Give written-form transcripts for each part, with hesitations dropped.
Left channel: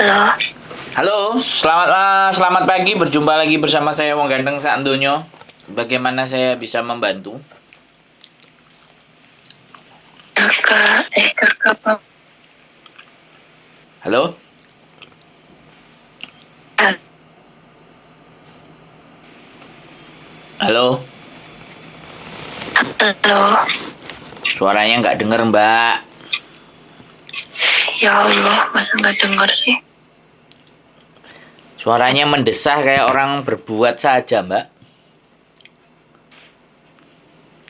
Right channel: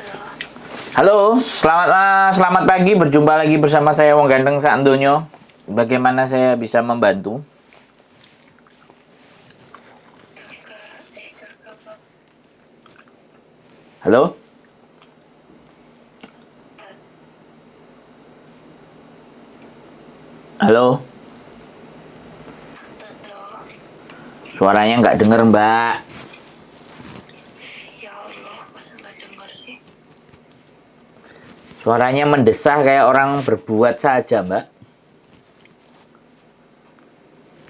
Halo, Halo, selamat pagi. Berjumpa lagi bersama saya Wong Ganteng Saandonyo. Bagaimana saya bisa membantu? kakak apa? Halo, halo. Halo, Suaranya nggak denger, Mbak. ya Allah, masa nggak dengar sih? Suaranya mendesah kayak orang berbuat saja, Mbak.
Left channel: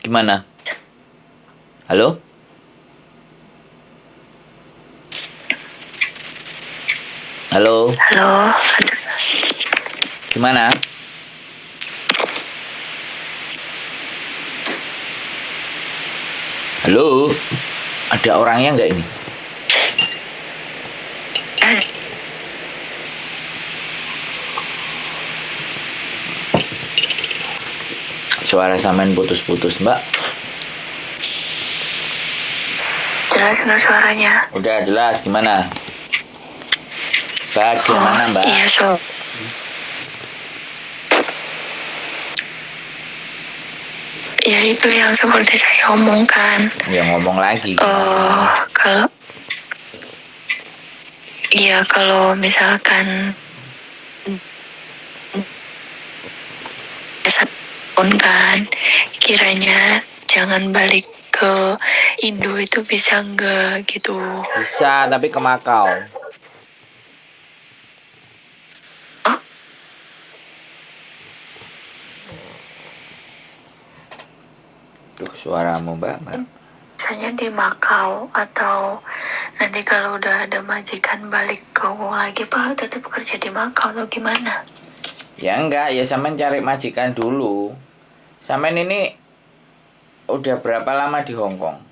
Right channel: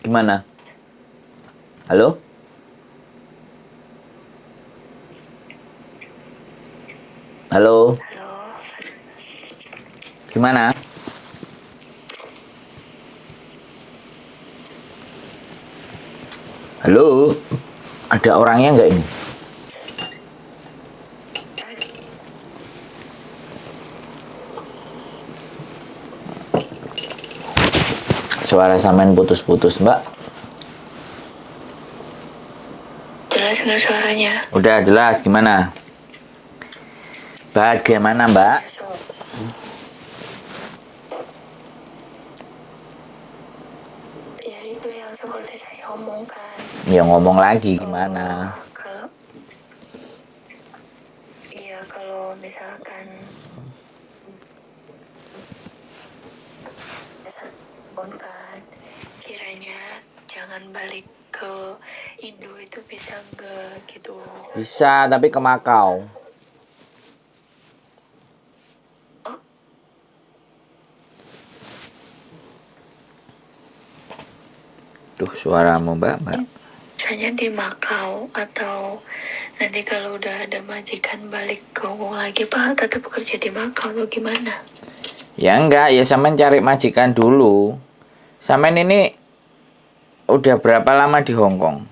Gimana? Halo, halo. Halo, Gimana? Halo. Ada orangnya nggak ini? Suara sampean putus-putus, Mbak. jelas nggak suaranya? Udah jelas. Gimana? Bagaimana, Mbak? Iya, ya itu yang seperti saya omongkan. Ya ngomong lagi. Gimana? Kalau misalkan pun kan, kiranya jangan balik ke Indo itu bisa nggak gitu? Bisa, tapi ke Makau. Duh, suaramu, Mbak. Misalnya di Makau atau nanti kalau udah ada majikan balik ke Hongkong lagi, Pak tetap bekerja di Makau atau gimana? Ya enggak, ya sampean cari majikan dulu. Sampean ini udah berapa lama di Hong Kong?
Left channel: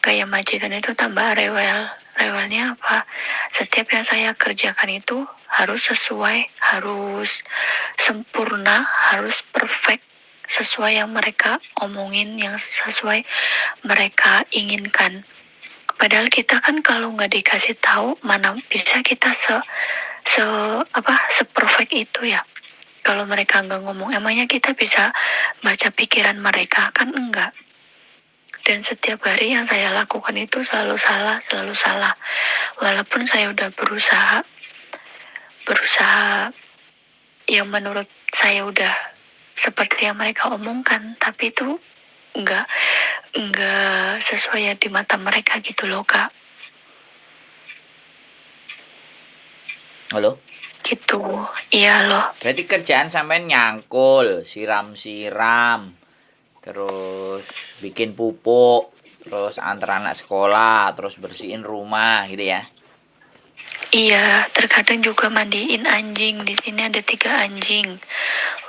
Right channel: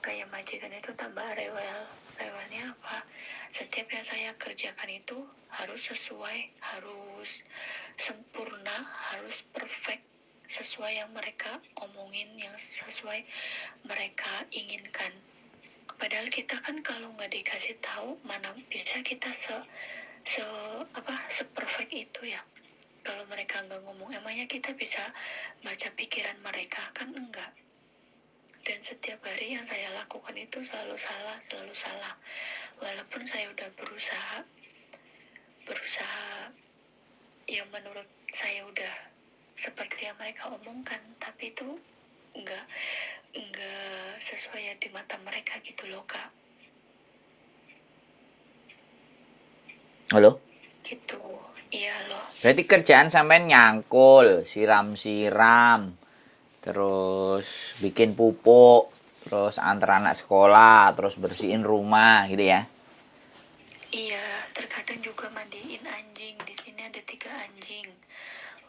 Kayak majikan itu tambah rewel. Rewelnya apa? Setiap yang saya kerjakan itu harus sesuai, harus sempurna, harus perfect, sesuai yang mereka omongin, yang sesuai mereka inginkan. Padahal kita kan kalau nggak dikasih tahu, mana bisa kita seperfect itu ya. Kalau mereka nggak ngomong, emangnya kita bisa baca pikiran mereka? Kan enggak. Dan setiap hari yang saya lakukan itu selalu salah, selalu salah. Walaupun saya udah berusaha yang menurut saya udah seperti yang mereka omongkan, tapi itu enggak sesuai ya di mata mereka gitu loh, Kak. Halo? Gitu, iya loh. Berarti kerjaan sampean nyangkul, siram-siram, terus bikin pupuk, terus antar anak sekolah, terus bersihin rumah gitu ya. Iya, terkadang juga mandiin anjing. Di sini ada 3 anjing.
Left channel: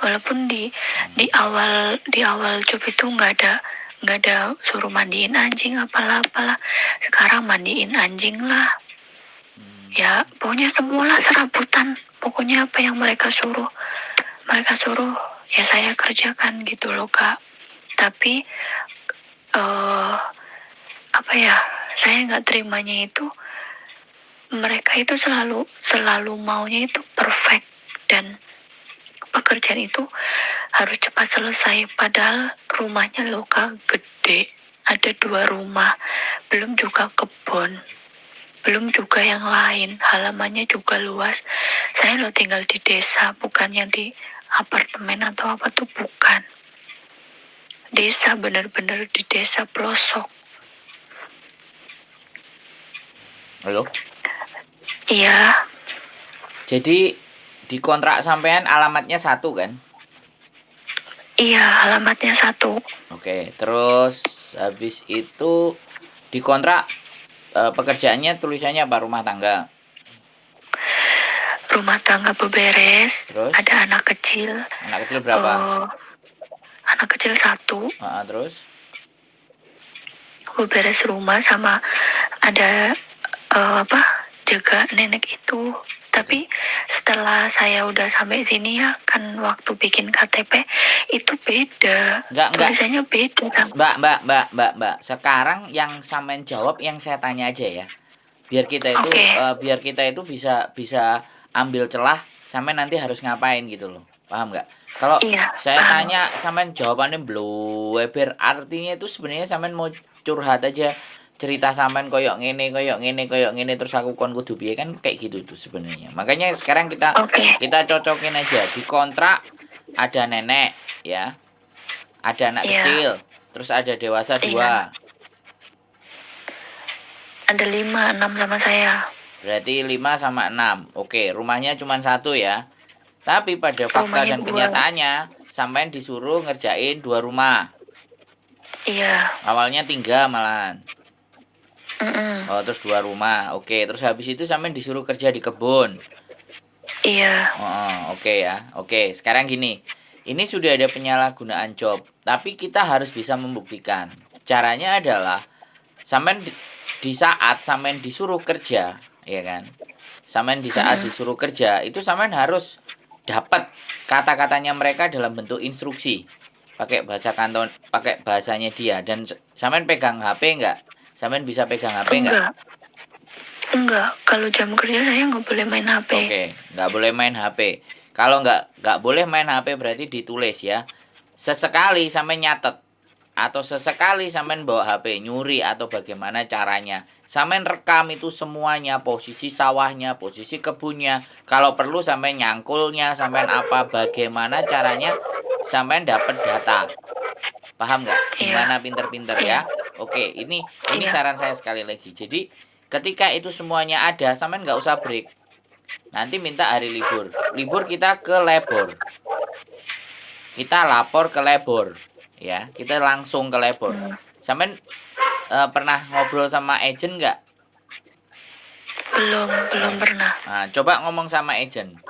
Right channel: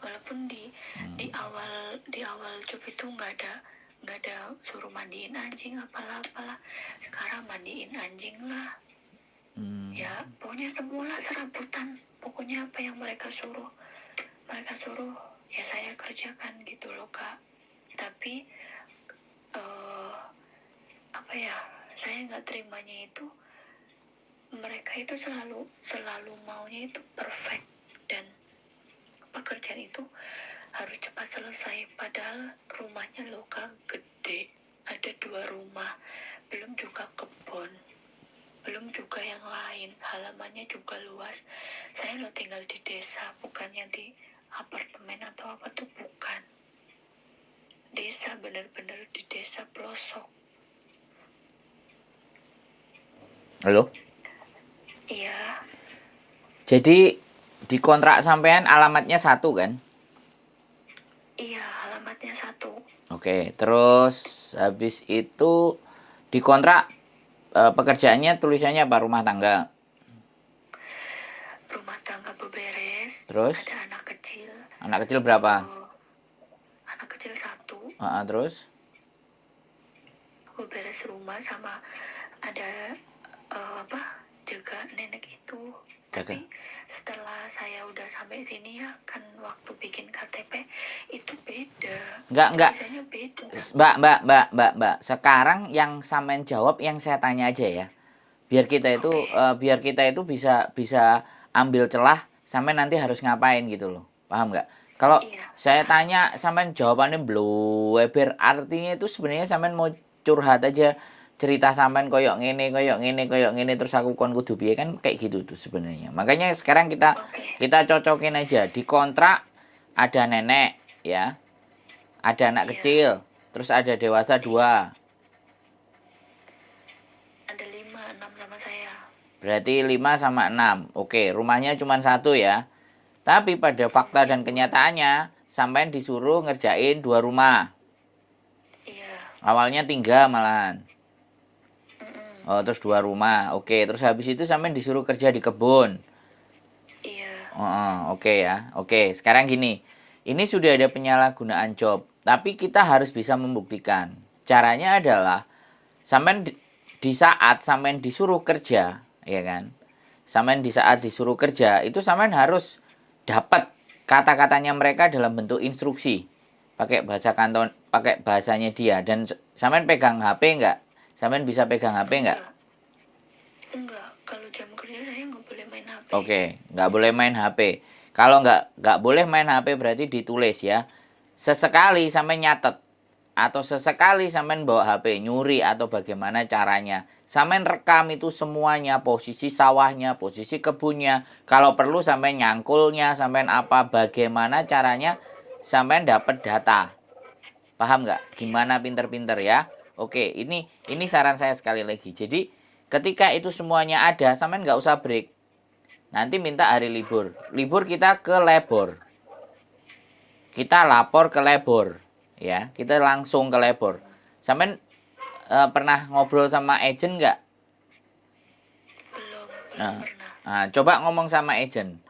Walaupun di awal job itu nggak ada suruh mandiin anjing apalah. Sekarang mandiin anjing lah. Ya, pokoknya semualah serabutan. Pokoknya apa yang mereka suruh ya saya kerjakan gitu loh, Kak. Tapi apa ya? Saya nggak terimanya itu mereka itu selalu maunya itu perfect dan pekerjaan itu harus cepat selesai. Padahal rumahnya loh, Kak, gede, ada 2 rumah, belum juga kebun, belum juga yang lain, halamannya juga luas. Saya loh tinggal di desa, bukan yang di apartemen atau apa tuh, bukan. Desa, benar-benar di desa pelosok. Halo? Iya, Jadi di kontrak sampean alamatnya 1 kan? iya, alamatnya 1. Oke, terus habis itu di kontrak pekerjaannya tulisannya apa? Rumah tangga. Rumah tangga beberes, Terus ada anak kecil. anak kecil berapa? Anak kecil 1, Terus beberes rumah sama ada jaga nenek itu. Tapi setelah saya udah sampai sini ya, kan waktu bikin KTP itu beda. Enggak. Tulisannya beda. Mbak. Sekarang yang sampean jawab yang saya tanya aja ya. biar kita itu Oke. biar kita itu bisa bisa ambil celah sampai nanti harus ngapain gitu loh. Paham nggak? Kalau Iya, saya paham. tanya sampean jawabannya blewer, artinya itu sebenarnya sampean mau curhat aja, cerita sampean koyok ngene koyok ngene koyok ngene terus aku kon kudu piye, kan kayak gitu tuh sebenarnya. Makanya sekarang kita Oke. kita cocokin aja di kontrak, ada nenek ya, ada anak Iya, kecil, terus ada dewasa iya. 2. Ada 5, 6 sama saya. Berarti 5 sama 6. Oke, rumahnya cuma satu ya. Tapi pada fakta Rumahnya dan 2. kenyataannya, sampean disuruh ngerjain 2 rumah. Iya. Awalnya 3 malahan. Mm-mm. Oh, terus 2 rumah. Oke, terus habis itu sampean disuruh kerja di kebun. Iya. Oh, oke ya. Oke, sekarang gini. Ini sudah ada penyalahgunaan job, tapi kita harus bisa membuktikan. Caranya adalah sampean di saat sampean disuruh kerja, ya kan? Sampean di saat Mm-mm. disuruh kerja, itu sampean harus dapat kata-katanya mereka dalam bentuk instruksi. Pakai bahasa kanton, pakai bahasanya dia, dan sampean pegang HP enggak? Sampean bisa pegang HP enggak? Enggak. Enggak. Kalau jam kerja saya nggak boleh main HP. Oke, nggak boleh main HP. Kalau nggak boleh main HP berarti ditulis ya. Sesekali sampai nyatet atau sesekali sampean bawa HP nyuri atau bagaimana caranya. Sampean rekam itu semuanya, posisi sawahnya, posisi kebunnya. Kalau perlu sampai nyangkulnya, sampean apa, bagaimana caranya sampean dapat data. Paham nggak? Iya. Gimana pinter-pinter Iya. ya? Oke, ini Iya. saran saya sekali lagi. Jadi ketika itu semuanya ada, sampean nggak usah break. Nanti minta hari libur. Libur kita ke labor. Kita lapor ke labor, ya. Kita langsung ke labor. Hmm. Sampean pernah ngobrol sama agent nggak? Belum pernah. Nah, coba ngomong sama agent.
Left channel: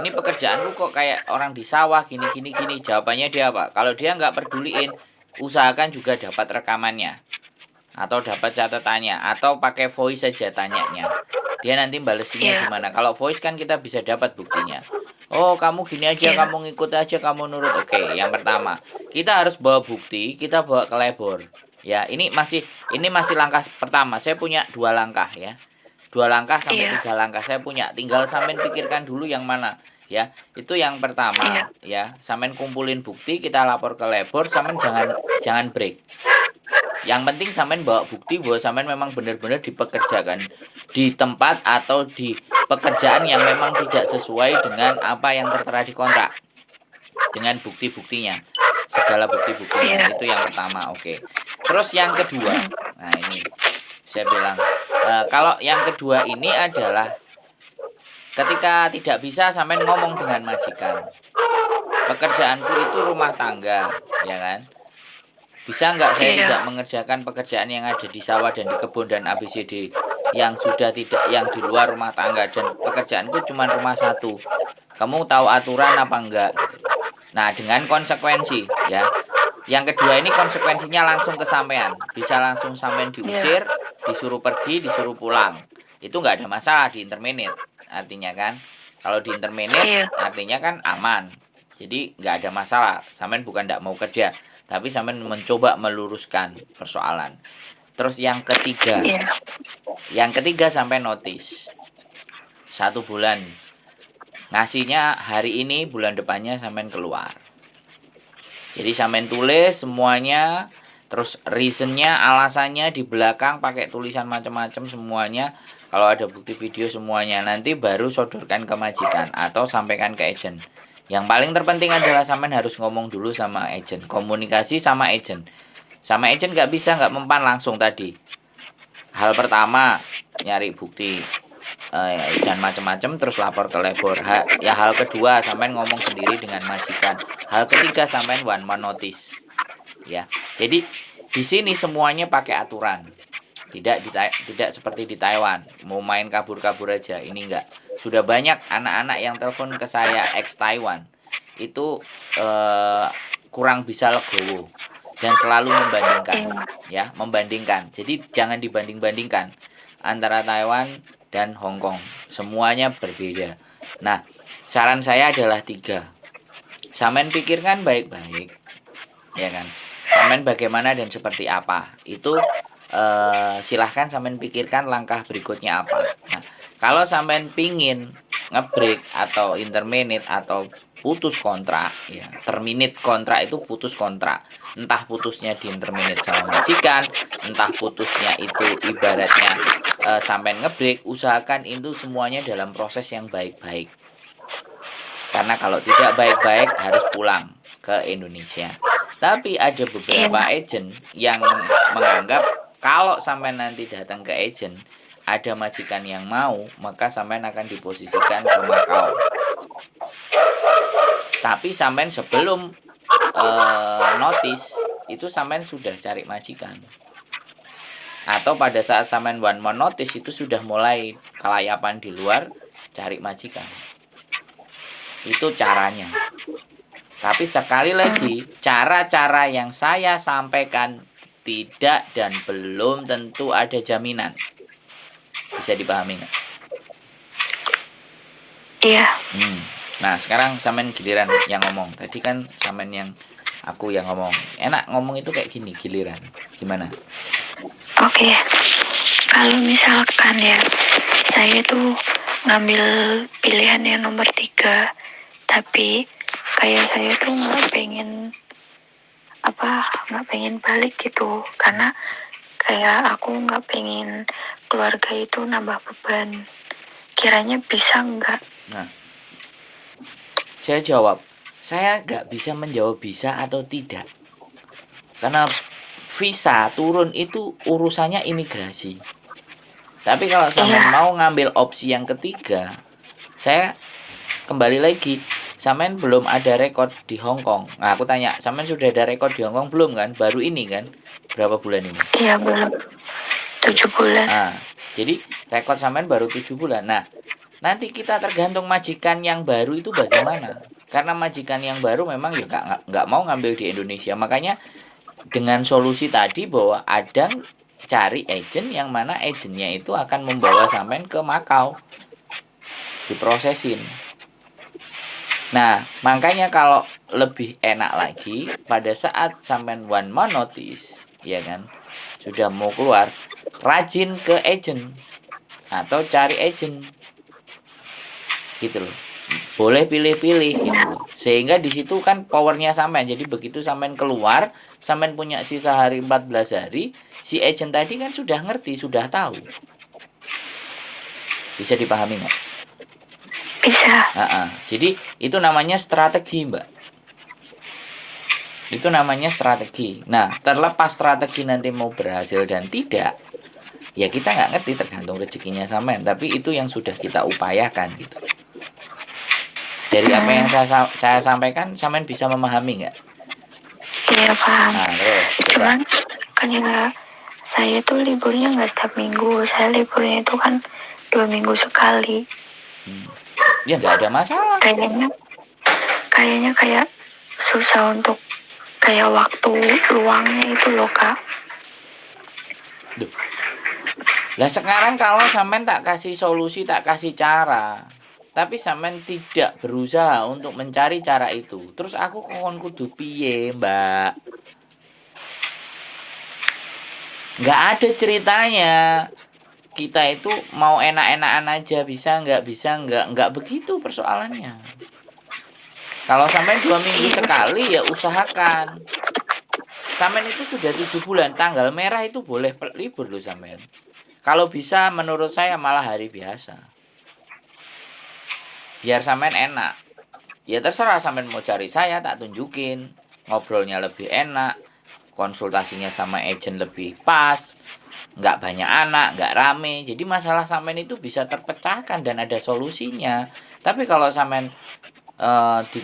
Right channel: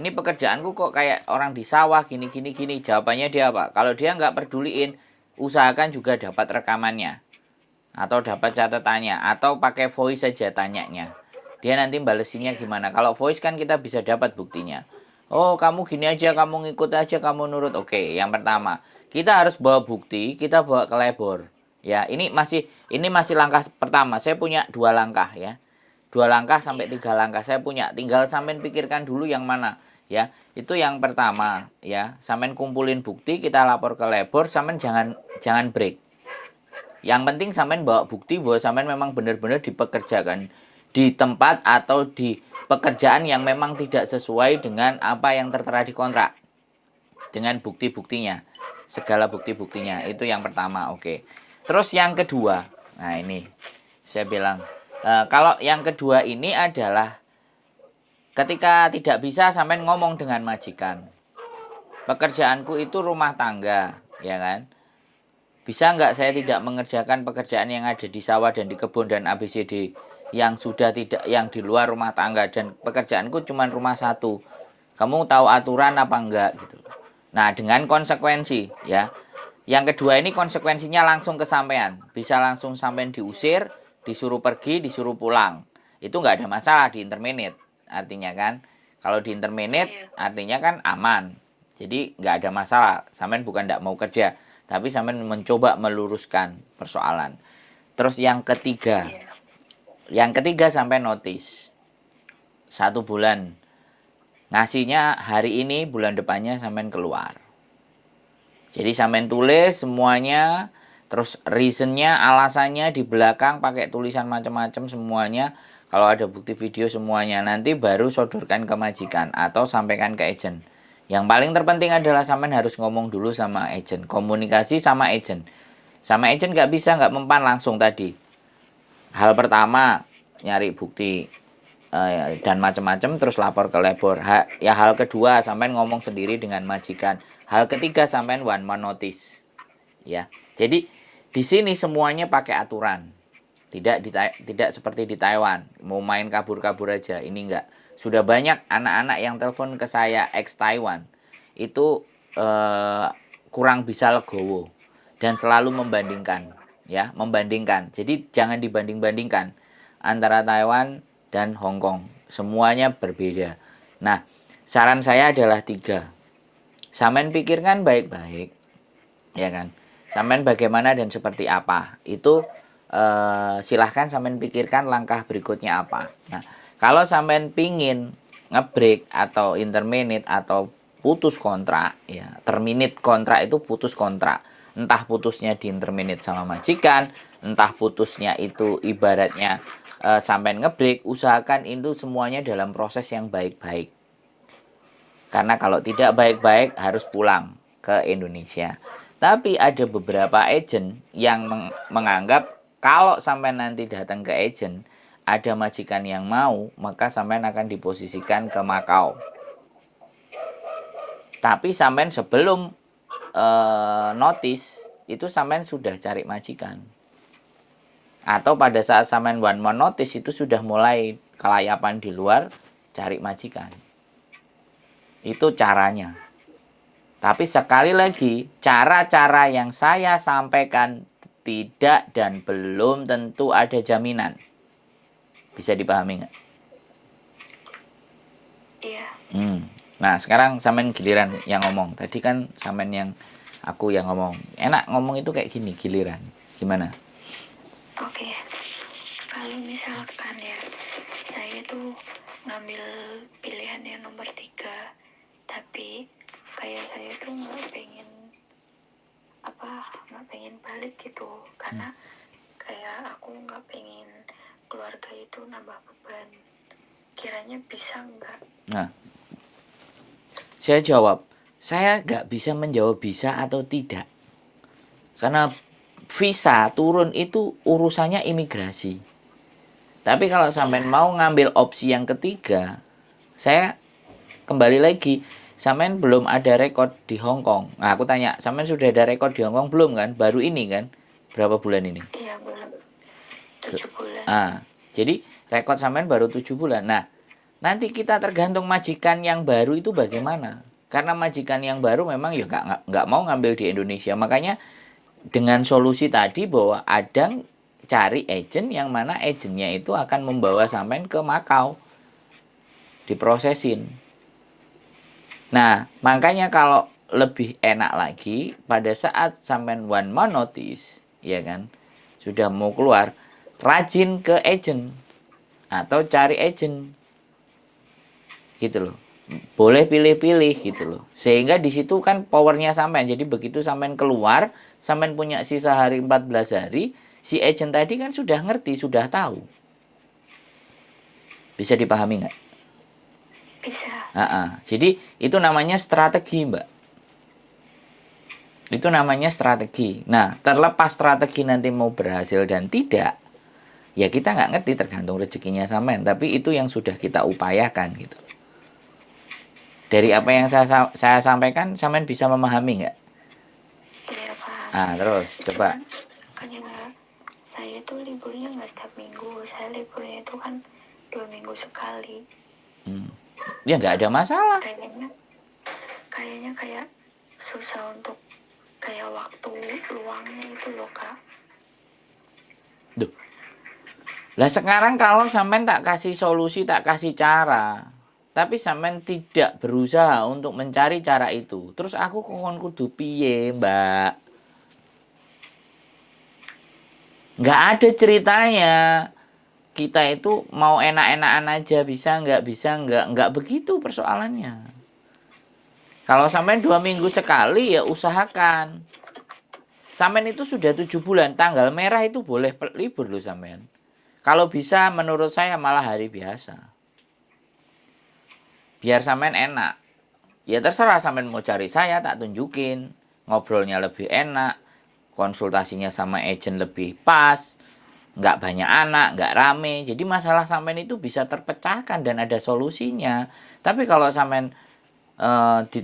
Ini pekerjaanku kok kayak orang di sawah gini gini gini. Jawabannya dia apa? Kalau dia nggak peduliin, usahakan juga dapat rekamannya atau dapat catatannya atau pakai voice saja tanyanya. Dia nanti balesinya Iya. gimana? Kalau voice kan kita bisa dapat buktinya. Oh, kamu gini aja, Iya. kamu ngikut aja, kamu nurut. Oke, yang pertama, kita harus bawa bukti, kita bawa ke labor. Ya, ini masih langkah pertama. Saya punya 2 langkah ya. 2 langkah sampai Iya. 3 langkah saya punya. Tinggal sampean pikirkan dulu yang mana ya. Itu yang pertama Iya. ya. Sampean kumpulin bukti, kita lapor ke labor, sampean jangan break. Yang penting sampean bawa bukti bahwa sampean memang benar-benar dipekerjakan di tempat atau di pekerjaan yang memang tidak sesuai dengan apa yang tertera di kontrak. Dengan bukti-buktinya. Segala bukti-buktinya. Iya. Itu yang pertama. Oke. Terus yang kedua. Nah, ini saya bilang kalau yang kedua ini adalah ketika tidak bisa sampean ngomong dengan majikan. Pekerjaanku itu rumah tangga, ya kan? Bisa nggak saya Iya. tidak mengerjakan pekerjaan yang ada di sawah dan di kebun dan ABCD yang sudah tidak yang di luar rumah tangga, dan pekerjaanku cuma rumah satu. Kamu tahu aturan apa enggak gitu. Nah, dengan konsekuensi ya. Yang kedua ini konsekuensinya langsung ke sampean. Bisa langsung sampean Iya. diusir, disuruh pergi, disuruh pulang. Itu nggak ada masalah di interminate. Artinya kan, kalau di interminate Iya. artinya kan aman. Jadi nggak ada masalah. Sampean bukan nggak mau kerja, tapi sampean mencoba meluruskan persoalan. Terus yang ketiga Iya. sampai notice 1 bulan. Ngasihnya hari ini, bulan depannya sampean keluar. Jadi sampean tulis semuanya, terus reasonnya, alasannya di belakang pakai tulisan macam-macam semuanya. Kalau ada bukti video semuanya, nanti baru sodorkan ke majikan atau sampaikan ke agent. Yang paling terpenting adalah sampean harus ngomong dulu sama agent, komunikasi sama agent. Sama agent nggak bisa nggak mempan langsung tadi. Hal pertama nyari bukti dan macam-macam, terus lapor ke labor. Hal kedua sampean ngomong sendiri dengan majikan. Hal ketiga sampean one man notice. Ya. Jadi di sini semuanya pakai aturan. Tidak seperti di Taiwan, mau main kabur-kabur aja. Ini enggak. Sudah banyak anak-anak yang telepon ke saya ex Taiwan. Itu kurang bisa legowo dan selalu membandingkan. Jadi jangan dibanding-bandingkan antara Taiwan dan Hong Kong. Semuanya berbeda. Nah, saran saya adalah 3. Sampean pikirkan baik-baik, ya kan? Sampean bagaimana dan seperti apa. Itu silahkan sampean pikirkan langkah berikutnya apa. Nah, kalau sampean pingin ngebreak atau interminate atau putus kontrak, ya terminate kontrak itu putus kontrak, entah putusnya di interminate sama majikan, entah putusnya itu ibaratnya sampean ngebreak, usahakan itu semuanya dalam proses yang baik-baik. Karena kalau tidak baik-baik harus pulang ke Indonesia. Tapi ada beberapa Iya. agent yang menganggap kalau sampai nanti datang ke agent ada majikan yang mau, maka sampean akan diposisikan ke Makau. Tapi sampean sebelum notice itu sampean sudah cari majikan. Atau pada saat sampean one month notice itu sudah mulai kelayapan di luar cari majikan. Itu caranya. Tapi sekali lagi, cara-cara yang saya sampaikan tidak dan belum tentu ada jaminan. Bisa dipahami nggak? Iya. Nah, sekarang sampean giliran yang ngomong. Tadi kan sampean yang aku yang ngomong. Enak ngomong itu kayak gini, giliran. Gimana? Oke. Kalau misalkan ya, saya tuh ngambil pilihan yang nomor 3, tapi kayak saya tuh nggak pengen balik gitu, karena kayak aku nggak pengen keluarga itu nambah beban. Kiranya bisa nggak? Nah, saya jawab, saya nggak bisa menjawab bisa atau tidak. Karena visa turun itu urusannya imigrasi. Tapi kalau sampean mau ngambil opsi yang ketiga, saya kembali lagi, sampean belum ada rekod di Hong Kong. Nah, aku tanya, sampean sudah ada rekod di Hong Kong belum kan? Baru ini kan? Berapa bulan ini? Iya, belum. 7 bulan. Nah, jadi rekod sampean baru 7 bulan. Nah, nanti kita tergantung majikan yang baru itu bagaimana. Karena majikan yang baru memang ya nggak mau ngambil di Indonesia. Makanya dengan solusi tadi bahwa ada cari agent yang mana agentnya itu akan membawa sampean ke Makau diprosesin. Nah, makanya kalau lebih enak lagi pada saat sampean one month notice, ya kan, sudah mau keluar, rajin ke agent atau cari agent, gitu loh. Boleh pilih-pilih gitu loh. Sehingga di situ kan powernya sampean. Jadi begitu sampean keluar, sampean punya sisa hari 14 hari, si agent tadi kan sudah ngerti, sudah tahu. Bisa dipahami nggak? Bisa. Jadi itu namanya strategi, Mbak. Itu namanya strategi. Nah, terlepas strategi nanti mau berhasil dan tidak, ya kita nggak ngerti, tergantung rezekinya sampean. Tapi itu yang sudah kita upayakan gitu. Dari apa yang saya sampaikan, sampean bisa memahami nggak? Iya, paham. Nah, terus Cuman kan ya, saya tuh liburnya nggak setiap minggu. Saya liburnya itu kan 2 minggu sekali. Ya nggak ada masalah. Kayaknya kayak susah untuk kayak waktu luangnya itu loh, Kak. Duh. Lah sekarang kalau sampean tak kasih solusi, tak kasih cara, tapi sampean tidak berusaha untuk mencari cara itu, terus aku kon kudu piye, Mbak? Nggak ada ceritanya. Kita itu mau enak-enakan aja, bisa nggak begitu persoalannya. Kalau sampean 2 minggu sekali ya usahakan. Sampean itu sudah 7 bulan, tanggal merah itu boleh libur loh sampean. Kalau bisa menurut saya malah hari biasa. Biar sampean enak. Ya terserah sampean mau cari saya, tak tunjukin. Ngobrolnya lebih enak, konsultasinya sama agent lebih pas, nggak banyak anak, nggak rame. Jadi masalah sampean itu bisa terpecahkan dan ada solusinya. Tapi kalau sampean di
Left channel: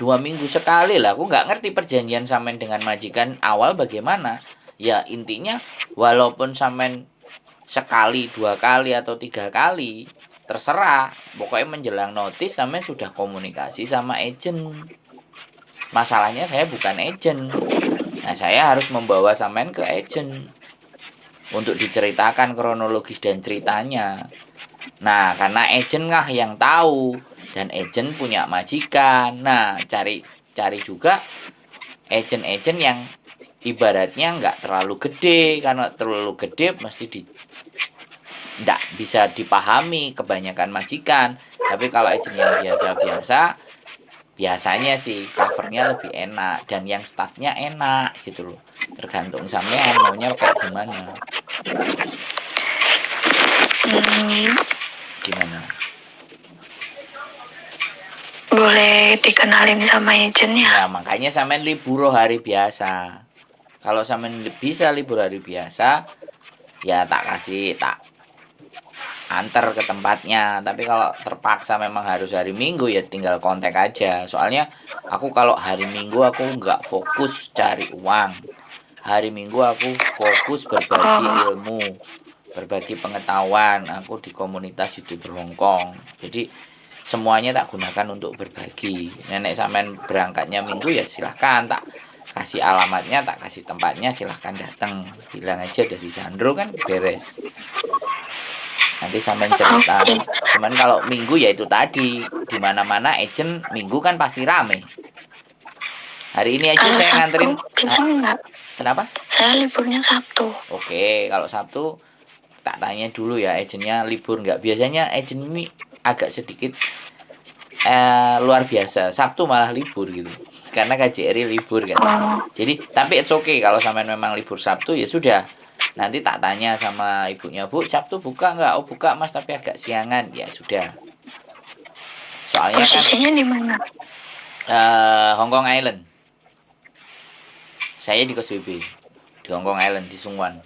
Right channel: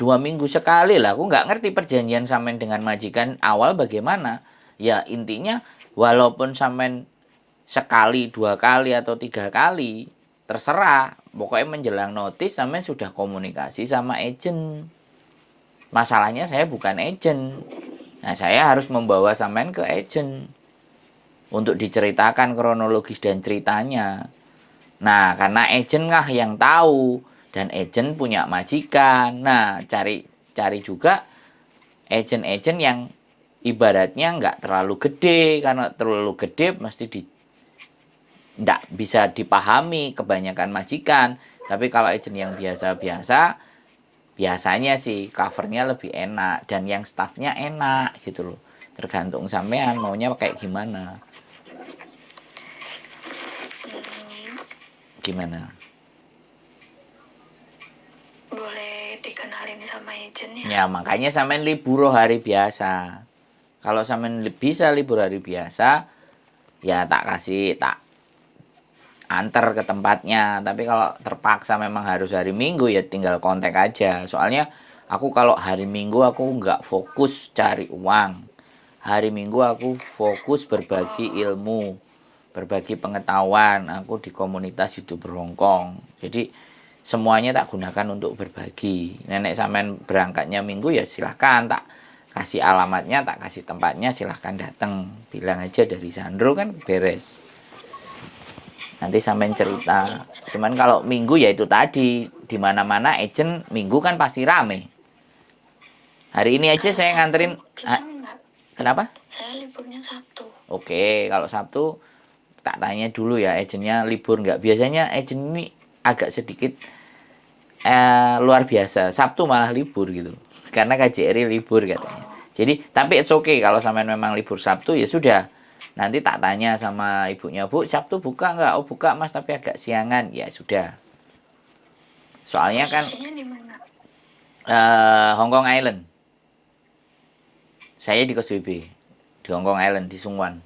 2 minggu sekali lah, aku nggak ngerti perjanjian sampean dengan majikan awal bagaimana. Ya intinya walaupun sampean sekali, 2 kali atau 3 kali, terserah. Pokoknya menjelang notis sampean sudah komunikasi sama agent. Masalahnya saya bukan agent. Nah, saya harus membawa sampean ke agent untuk diceritakan kronologis dan ceritanya. Nah, karena agent lah yang tahu dan agent punya majikan. Nah, cari juga agent-agent yang ibaratnya nggak terlalu gede, karena terlalu gede mesti nggak bisa dipahami kebanyakan majikan. Tapi kalau agent yang biasa-biasa, biasanya sih covernya lebih enak dan yang staffnya enak gitu loh. Tergantung sampean maunya kayak gimana. Gimana? Boleh dikenalin sama agentnya? Ya makanya sampean libur hari biasa. Kalau sampean bisa libur hari biasa, ya tak antar ke tempatnya. Tapi kalau terpaksa memang harus hari Minggu, ya tinggal kontak aja. Soalnya aku kalau hari Minggu aku nggak fokus cari uang. Hari Minggu aku fokus berbagi ilmu, berbagi pengetahuan. Aku di komunitas YouTuber Hongkong. Jadi semuanya tak gunakan untuk berbagi. Nenek sampean berangkatnya Minggu, ya silahkan, tak kasih alamatnya, tak kasih tempatnya, silahkan datang. Bilang aja dari Sandro, kan beres. Nanti sampean cerita. Cuman kalau Minggu ya itu tadi, di mana-mana agent Minggu kan pasti rame. Hari ini aja Kalau saya Sabtu nganterin. bisa nggak? Kenapa? Saya liburnya Sabtu. Oke, kalau Sabtu tak tanya dulu ya, agentnya libur nggak. Biasanya agent ini agak sedikit luar biasa. Sabtu malah libur gitu, karena KJRI libur kan. Jadi tapi it's okay kalau sampean memang libur Sabtu, ya sudah. Nanti tak tanya sama ibunya, Bu, Sabtu buka nggak? Oh buka Mas, tapi agak siangan. Ya sudah. Soalnya Posisinya di mana? Hong Kong Island. Saya di Kos BB, di Hong Kong Island, di Sungwan.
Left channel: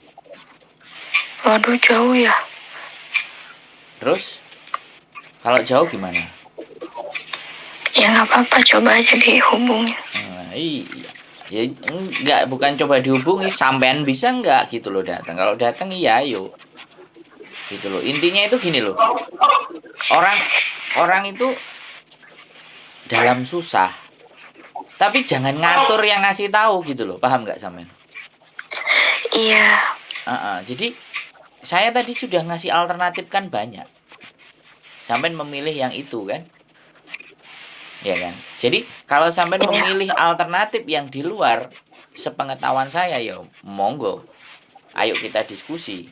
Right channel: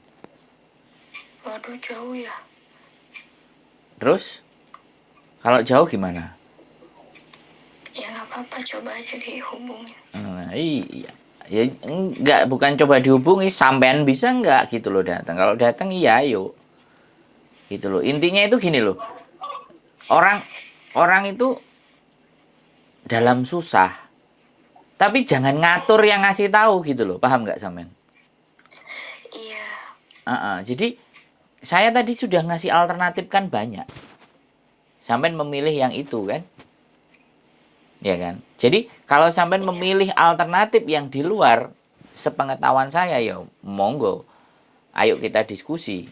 Waduh, jauh ya. Terus kalau jauh gimana? Ya nggak apa-apa, coba aja dihubungi. Iya. Ya enggak, bukan coba dihubungi, sampean bisa enggak gitu loh datang. Kalau datang iya ayo. Gitu loh. Intinya itu gini loh. Orang itu dalam susah, tapi jangan ngatur yang ngasih tahu gitu loh. Paham nggak sampean? Iya. Jadi saya tadi sudah ngasih alternatif kan banyak. Sampean memilih yang itu kan? Ya kan? Jadi kalau sampean memilih alternatif yang di luar sepengetahuan saya, ya monggo. Ayo kita diskusi.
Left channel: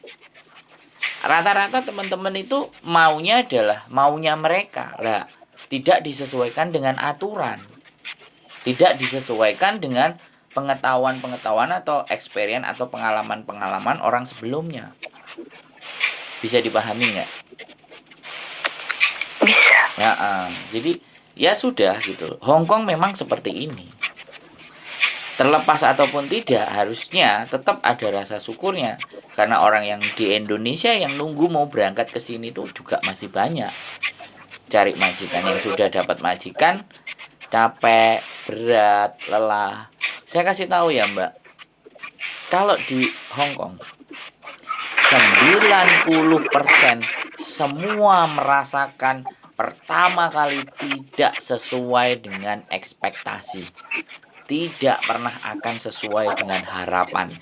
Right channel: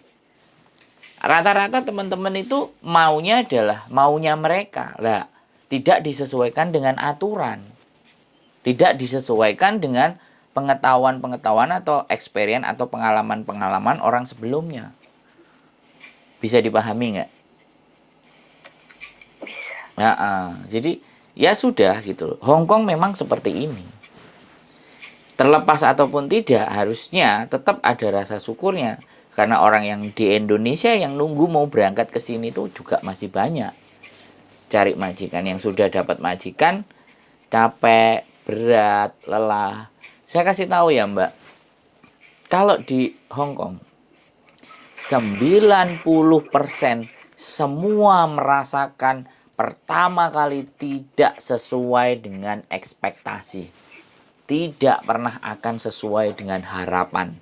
Rata-rata teman-teman itu maunya adalah maunya mereka. Lah, tidak disesuaikan dengan aturan. Tidak disesuaikan dengan pengetahuan-pengetahuan atau experience atau pengalaman-pengalaman orang sebelumnya. Bisa dipahami nggak? Bisa. Ya, jadi ya sudah gitu. Hong Kong memang seperti ini. Terlepas ataupun tidak, harusnya tetap ada rasa syukurnya. Karena orang yang di Indonesia yang nunggu mau berangkat ke sini tuh juga masih banyak. Cari majikan, yang sudah dapat majikan capek, berat, lelah. Saya kasih tahu ya Mbak, kalau di Hong Kong 90% semua merasakan pertama kali tidak sesuai dengan ekspektasi. Tidak pernah akan sesuai dengan harapan.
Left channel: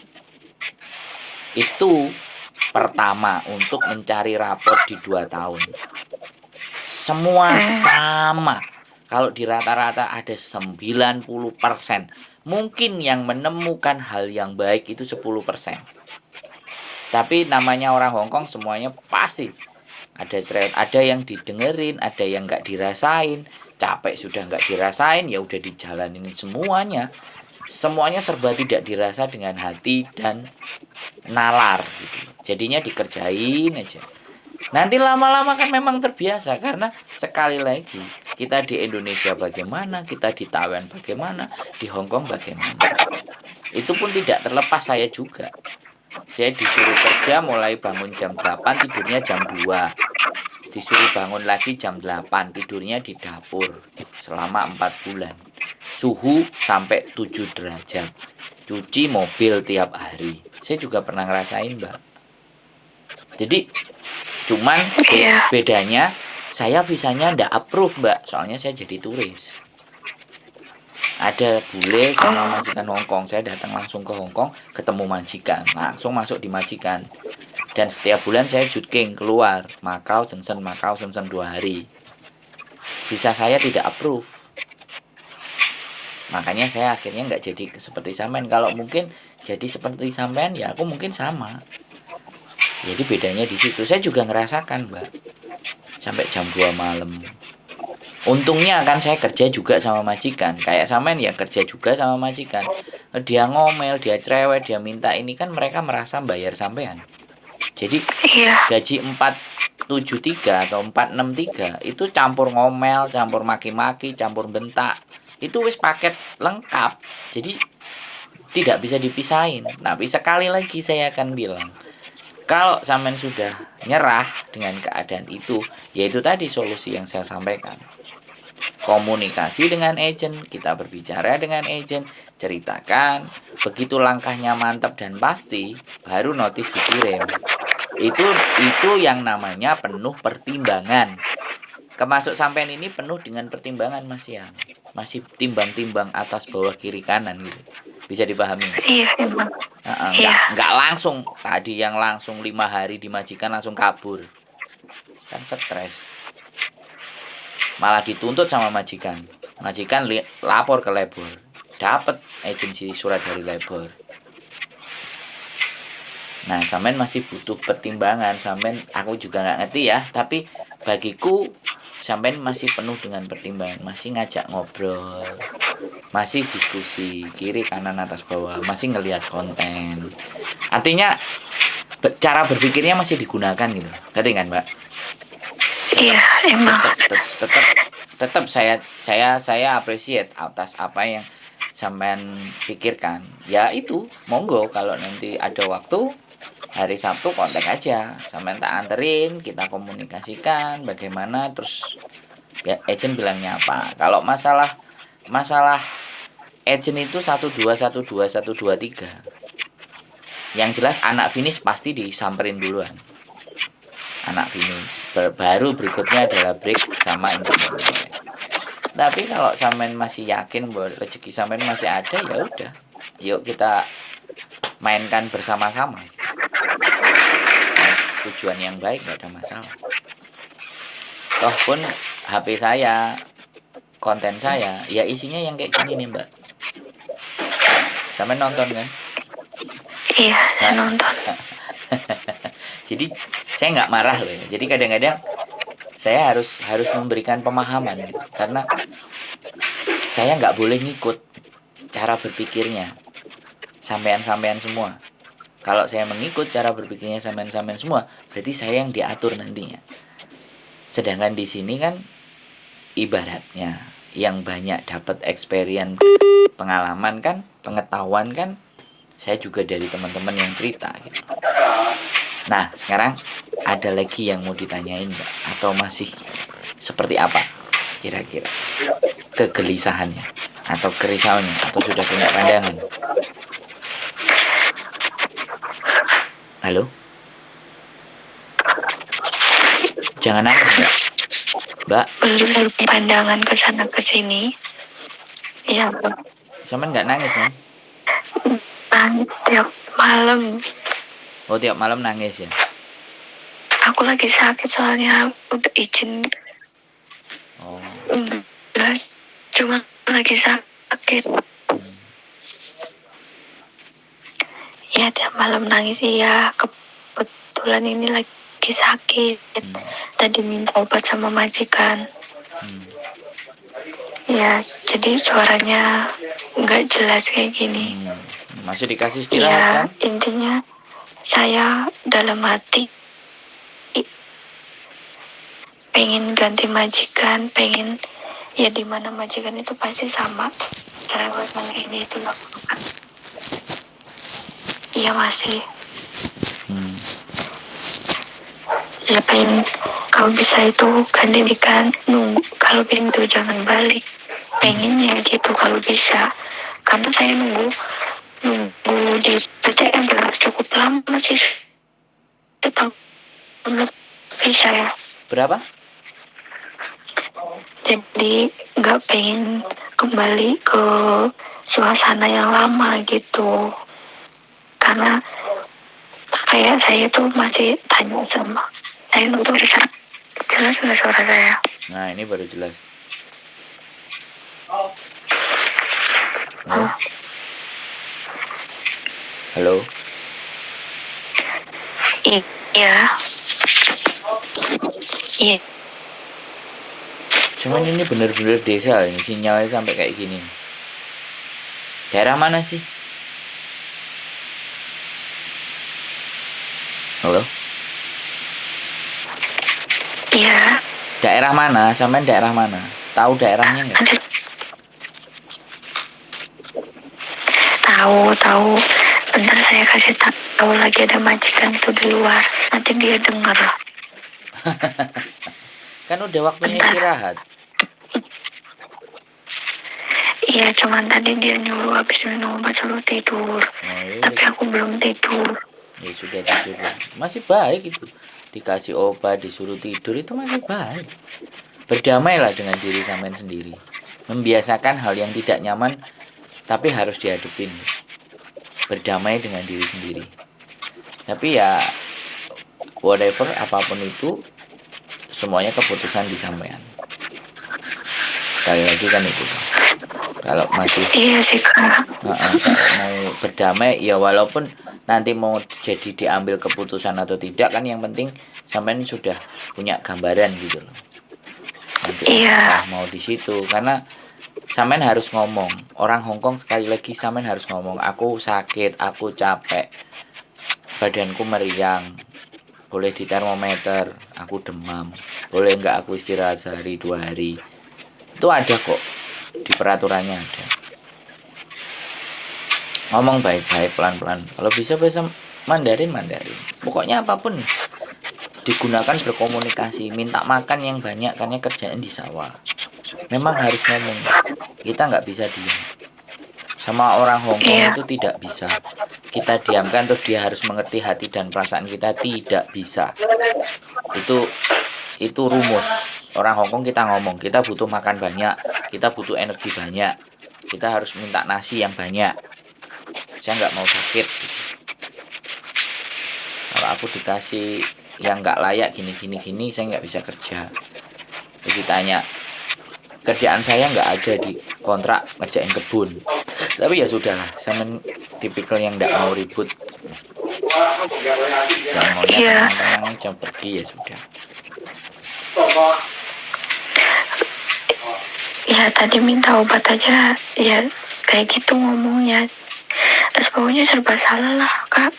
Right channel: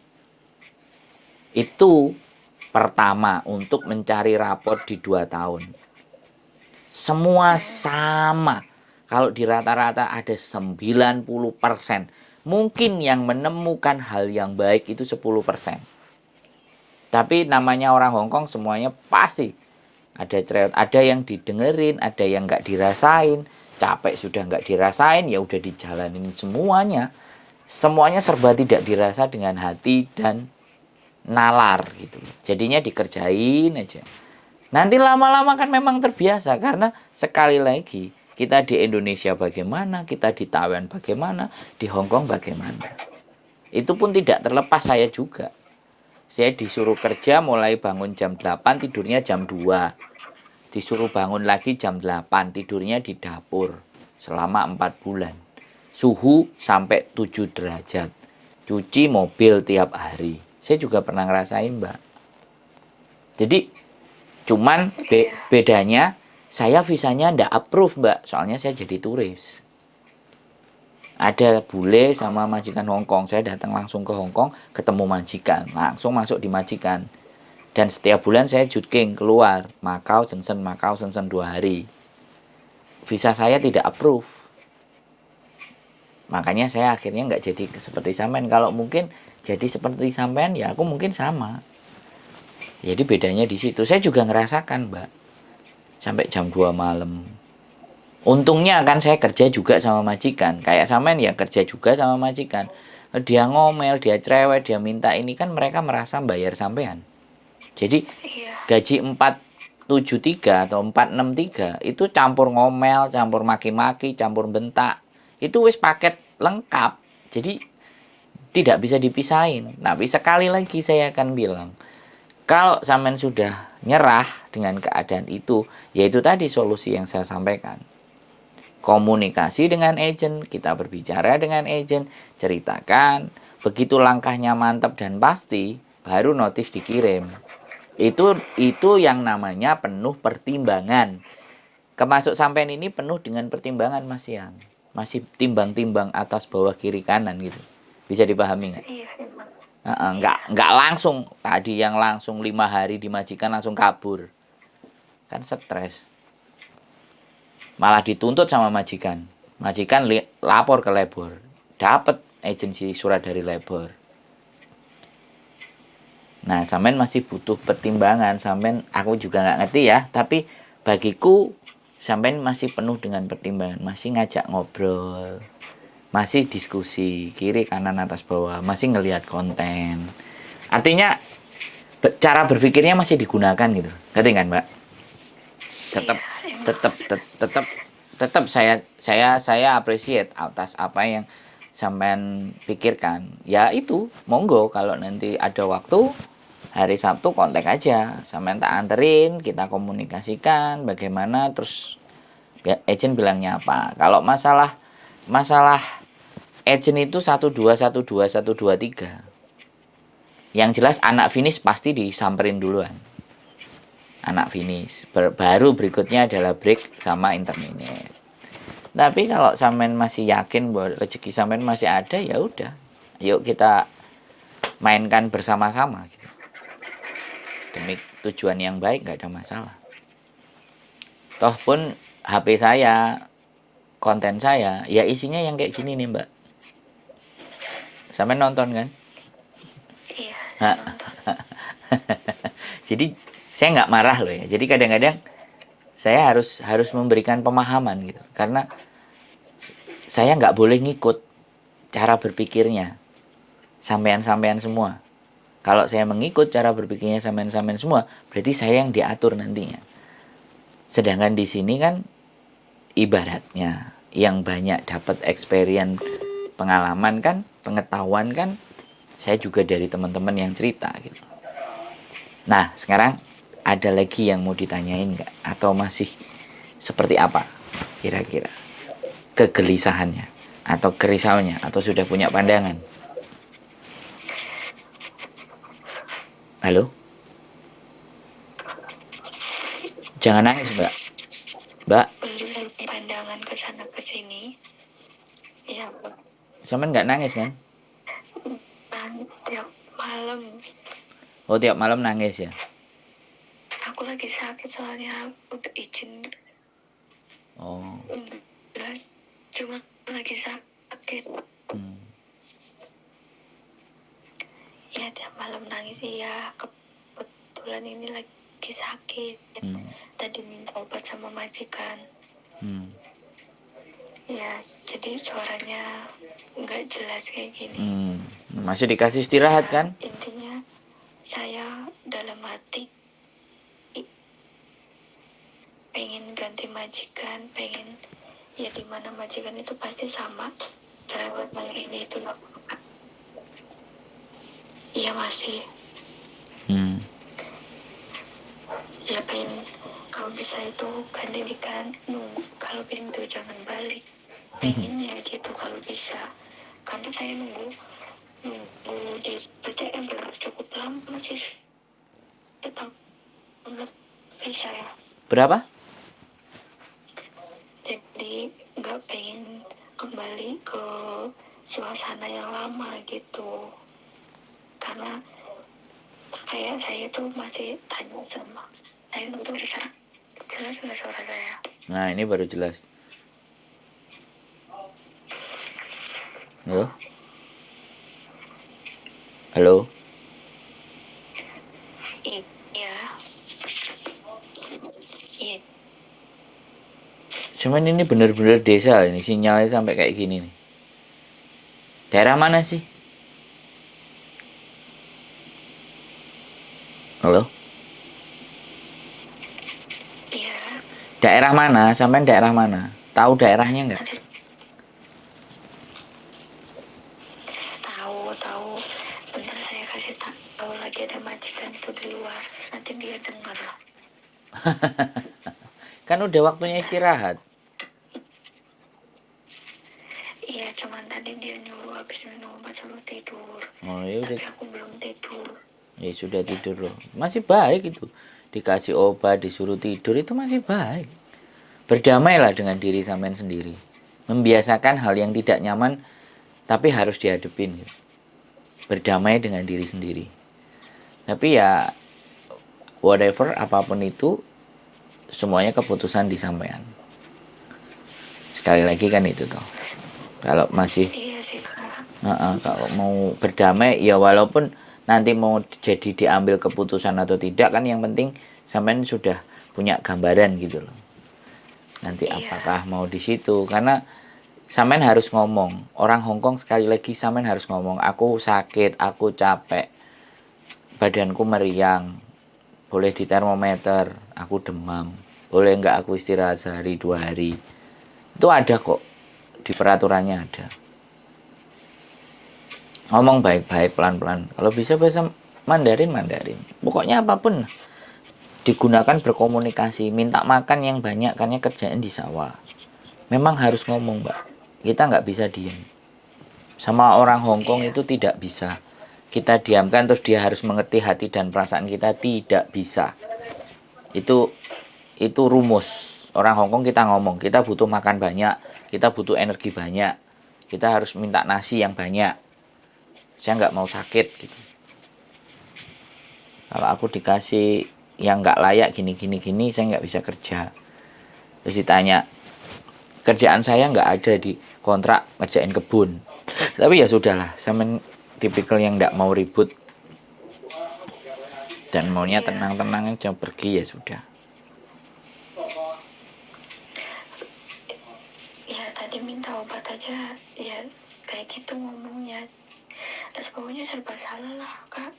Itu pertama untuk mencari rapor di 2 tahun. Semua sama. Kalau di rata-rata ada 90%. Mungkin yang menemukan hal yang baik itu 10%. Tapi namanya orang Hong Kong semuanya pasti ada yang didengerin, ada yang nggak dirasain. Capek sudah nggak dirasain, ya udah dijalanin semuanya. Semuanya serba tidak dirasa dengan hati dan nalar gitu. Jadinya dikerjain aja. Nanti lama-lama kan memang terbiasa, karena sekali lagi kita di Indonesia bagaimana, kita di Taiwan bagaimana, di Hong Kong bagaimana. Itu pun tidak terlepas saya juga. Saya disuruh kerja mulai bangun jam 8, tidurnya jam 2. Disuruh bangun lagi jam 8, tidurnya di dapur selama 4 bulan. Suhu sampai 7 derajat. Cuci mobil tiap hari. Saya juga pernah ngerasain, Mbak. Jadi cuman bedanya saya visanya ndak approve, Mbak. Soalnya saya jadi turis. Ada bule sama majikan Hong Kong. Saya datang langsung ke Hong Kong, ketemu majikan, langsung masuk di majikan. Dan setiap bulan saya jutking keluar Macau, Shenzhen 2 hari. Visa saya tidak approve. Makanya saya akhirnya nggak jadi seperti sampean. Kalau mungkin jadi seperti sampean ya aku mungkin sama. Jadi bedanya di situ. Saya juga ngerasakan, Mbak. Sampai jam 2 malam. Untungnya kan saya kerja juga sama majikan. Kayak sampean ya kerja juga sama majikan. Dia ngomel, dia cerewet, dia minta ini kan mereka merasa bayar sampean. Jadi Iya, gaji 473 atau 463 itu campur ngomel, campur maki-maki, campur bentak. Itu wis paket lengkap. Jadi tidak bisa dipisahin. Tapi sekali lagi saya akan bilang, kalau sampean sudah nyerah dengan keadaan itu, yaitu tadi solusi yang saya sampaikan. Komunikasi dengan agent, kita berbicara dengan agent, ceritakan, begitu langkahnya mantap dan pasti, baru notis dikirim. Itu yang namanya penuh pertimbangan. Kemasuk sampean ini penuh dengan pertimbangan Mas Yang. Masih timbang-timbang atas bawah kiri kanan gitu. Bisa dipahami? iya emang. Nggak langsung tadi yang langsung 5 hari dimajikan langsung kabur. Kan stres. Malah dituntut sama majikan. Majikan lapor ke labor. Dapat agensi surat dari labor. Nah, sampean masih butuh pertimbangan. Sampean aku juga nggak ngerti ya, tapi bagiku sampean masih penuh dengan pertimbangan, masih ngajak ngobrol, masih diskusi kiri kanan atas bawah, masih ngelihat konten. Artinya cara berpikirnya masih digunakan gitu. Ngerti kan, Mbak? Iya, emang. Tetap saya appreciate atas apa yang sampean pikirkan. Ya itu, monggo kalau nanti ada waktu hari Sabtu kontak aja, sampean tak anterin, kita komunikasikan bagaimana, terus ya, agent bilangnya apa. Kalau masalah agent itu 1 2 1 2 1 2 3. Yang jelas anak finish pasti disamperin duluan. Anak finish. Baru berikutnya adalah break sama intermediate. Tapi kalau sampean masih yakin bahwa rezeki sampean masih ada, ya udah. Yuk kita mainkan bersama-sama. Nah, tujuan yang baik nggak ada masalah. Toh pun HP saya, konten saya, ya isinya yang kayak gini nih Mbak. Sampean nonton kan? Iya, saya nonton. Jadi saya nggak marah loh ya. Jadi kadang-kadang saya harus memberikan pemahaman gitu. Karena saya nggak boleh ngikut cara berpikirnya sampean-sampean semua. Kalau saya mengikut cara berpikirnya sampean-sampean semua, berarti saya yang diatur nantinya. Sedangkan di sini kan ibaratnya yang banyak dapat experience, pengalaman kan, pengetahuan kan, saya juga dari teman-teman yang cerita gitu. Nah, sekarang ada lagi yang mau ditanyain Mbak? Atau masih seperti apa kira-kira kegelisahannya atau kerisauannya, atau sudah punya pandangan? Halo? Jangan nangis Mbak. Mbak, Belum pandangan ke sana ke sini. Iya, sampean nggak nangis kan? nangis tiap malam. Oh, tiap malam nangis ya? Aku lagi sakit soalnya udah izin. Oh. Enggak, cuma lagi sakit. Ya tiap malam nangis. Iya, kebetulan ini lagi sakit. Tadi minta obat sama majikan. Ya, jadi suaranya nggak jelas kayak gini. Masih dikasih istirahat ya, kan? Intinya saya dalam hati pengen ganti majikan, pengen ya di mana majikan itu pasti sama cara buat ini itu loh. Iya masih. Ya pengen kalau bisa itu gantikan, nunggu kalau pintu jangan balik, pengennya gitu kalau bisa, karena saya nunggu di PTM udah cukup lama sih, setahun lebih saya. Berapa? Jadi nggak pengen kembali ke suasana yang lama gitu, karena kayak saya tuh masih tanya sama saya untuk bisa jelas nggak suara saya? Nah ini baru jelas. Halo? Halo? Iya. Iya. Cuman ini bener-bener desa ini, sinyalnya sampai kayak gini. Daerah mana sih? Halo? Iya. Daerah mana? Sampai daerah mana? Tahu daerahnya nggak? Tahu. Bentar saya kasih tahu lagi, ada majikan tuh di luar. Nanti dia denger. Kan udah waktunya Bentar. istirahat. Iya, cuman tadi dia nyuruh habis minum obat suruh tidur. Oh, Tapi aku belum tidur. ya sudah tidur lah. Masih baik itu. Dikasih obat, disuruh tidur itu masih baik. Berdamailah dengan diri sampean sendiri. Membiasakan hal yang tidak nyaman tapi harus dihadapin. Berdamai dengan diri sendiri. Tapi ya whatever apapun itu semuanya keputusan di sampean. Sekali lagi kan itu tuh. Kalau masih Iya sih Kak. kalau mau berdamai ya walaupun nanti mau jadi diambil keputusan atau tidak kan yang penting sampean sudah punya gambaran gitu loh. Nanti apakah mau di situ karena sampean harus ngomong. Orang Hongkong sekali lagi sampean harus ngomong, aku sakit, aku capek, badanku meriang, boleh di termometer, aku demam, boleh nggak aku istirahat sehari 2 hari. Itu ada kok di peraturannya ada. Ngomong baik-baik pelan-pelan. Kalau bisa bahasa Mandarin. Pokoknya apapun digunakan berkomunikasi. Minta makan yang banyak karena kerjaan di sawah. Memang harus ngomong. Kita nggak bisa diam. Sama orang Hongkong itu tidak bisa. Kita diamkan terus dia harus mengerti hati dan perasaan kita, tidak bisa. Itu rumus. Orang Hongkong kita ngomong, kita butuh makan banyak, kita butuh energi banyak, kita harus minta nasi yang banyak. Saya nggak mau sakit gitu. Kalau aku dikasih yang nggak layak gini saya nggak bisa kerja. Terus ditanya kerjaan saya nggak ada di kontrak ngerjain kebun, tapi ya sudahlah, saya tipikal yang nggak mau ribut, yang maunya tenang-tenang aja pergi ya sudah. Ya tadi minta obat aja ya kayak gitu ngomongnya. Terus pokoknya serba salah lah Kak.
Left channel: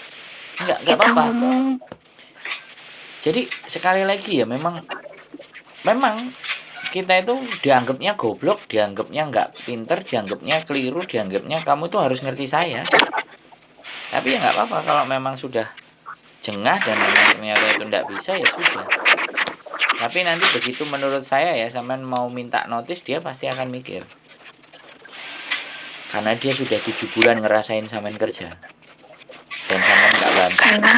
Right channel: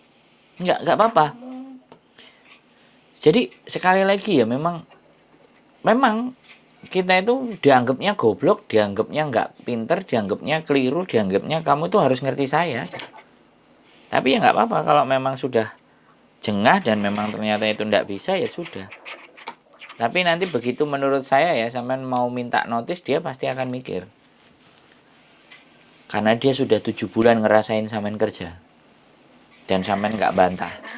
Nggak apa-apa. Ngomong. Jadi sekali lagi ya memang kita itu dianggapnya goblok, dianggapnya nggak pinter, dianggapnya keliru, dianggapnya kamu tuh harus ngerti saya. Tapi ya nggak apa-apa kalau memang sudah jengah dan memang ternyata itu nggak bisa ya sudah. Tapi nanti begitu menurut saya ya sampean mau minta notis dia pasti akan mikir. Karena dia sudah 7 bulan ngerasain sampean kerja. Dan sampean nggak bantu. Karena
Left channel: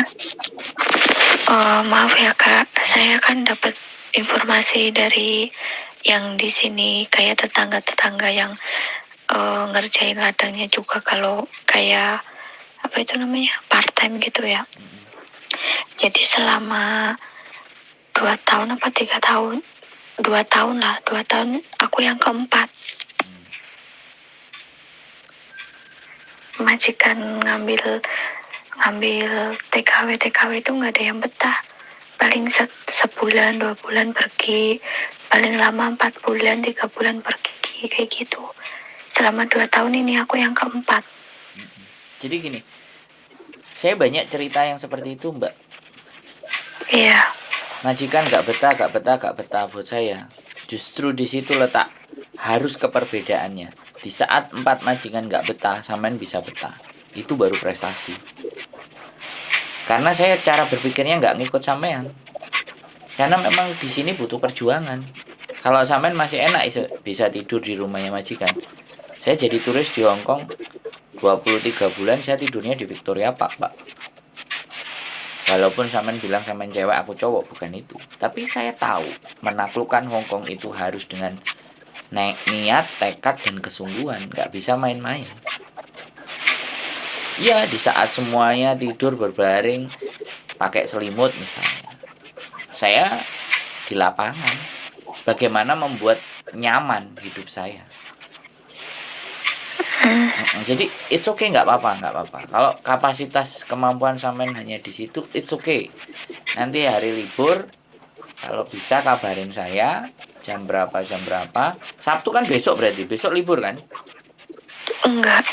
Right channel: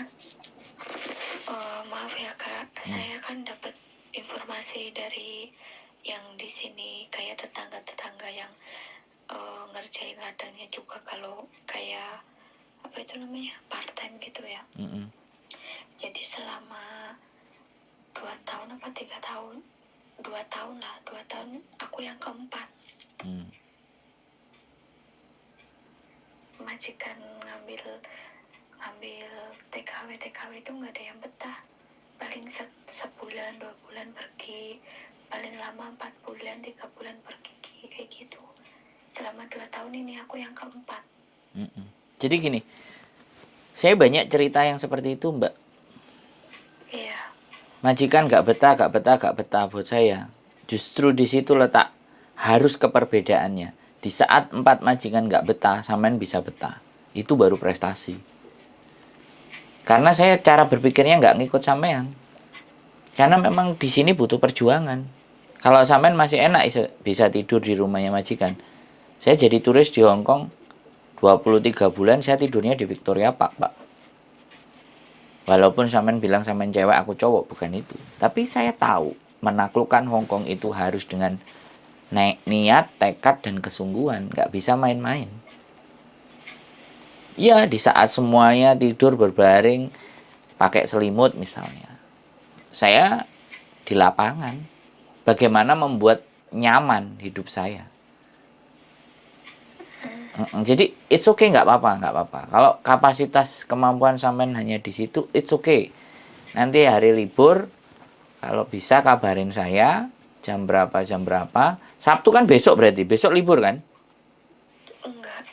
maaf ya Kak, saya kan dapat informasi dari yang di sini kayak tetangga-tetangga yang ngerjain ladangnya juga kalau kayak apa itu namanya part time gitu ya. Jadi selama 2 tahun apa 3 tahun, 2 tahun lah, 2 tahun aku yang keempat. Majikan ngambil TKW itu nggak ada yang betah. Paling sebulan 2 bulan pergi, paling lama 4 bulan 3 bulan pergi kayak gitu. Selama 2 tahun ini aku yang keempat. Jadi gini, saya banyak cerita yang seperti itu Mbak. Iya. Majikan nggak betah buat saya. Justru di situ letak harus keperbedaannya. Di saat 4 majikan nggak betah, sampean bisa betah. Itu baru prestasi. Karena saya cara berpikirnya nggak ngikut sampean. Karena memang di sini butuh perjuangan. Kalau sampean masih enak bisa tidur di rumahnya majikan. Saya jadi turis di Hongkong 23 bulan saya tidurnya di Victoria Park, Pak. Walaupun sampean bilang sampean cewek aku cowok, bukan itu. Tapi saya tahu menaklukkan Hongkong itu harus dengan niat, tekad dan kesungguhan, nggak bisa main-main. Ya di saat semuanya tidur berbaring pakai selimut misalnya, saya di lapangan bagaimana membuat nyaman hidup saya. Jadi it's okay, nggak apa-apa. Kalau kapasitas kemampuan sampean hanya di situ, it's okay. Nanti hari libur, kalau bisa kabarin saya jam berapa. Sabtu kan besok, berarti besok libur kan? Enggak,